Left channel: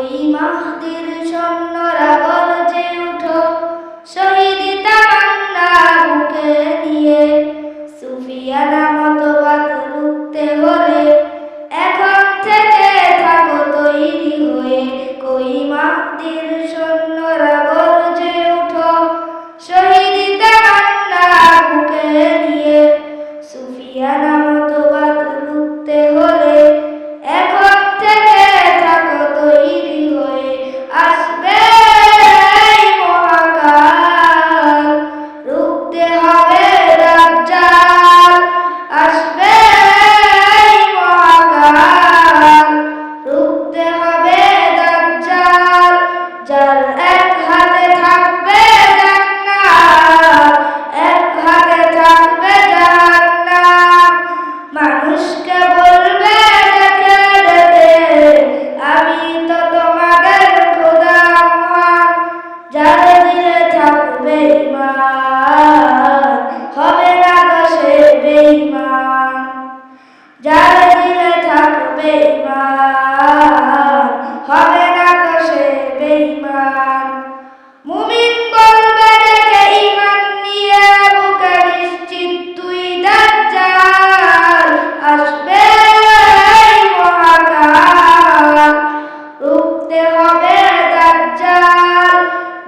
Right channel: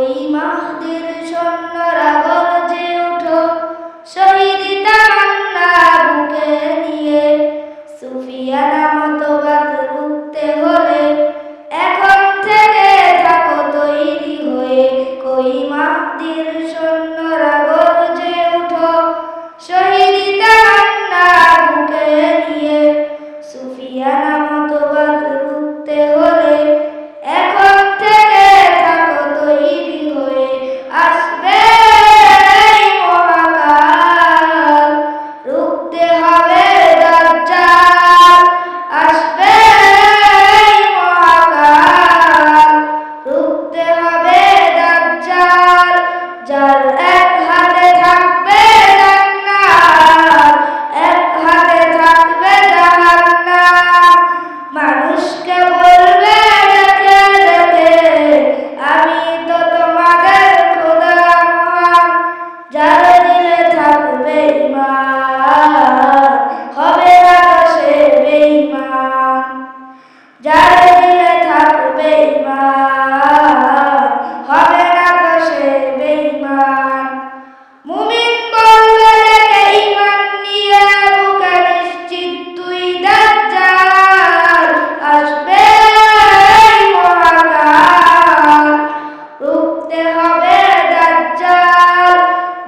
ওই মাহদির সৈন্যরা গর্জে উঠো শহীদ তা মানুষকে বলবে ডেকে ডেকে, আমি তো তোমাদের খোদা মহান, যার দিলে থাকবে ইমান হবে আকাশে বেইমান যার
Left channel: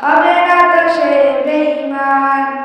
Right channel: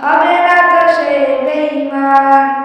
haberá tashe beimán.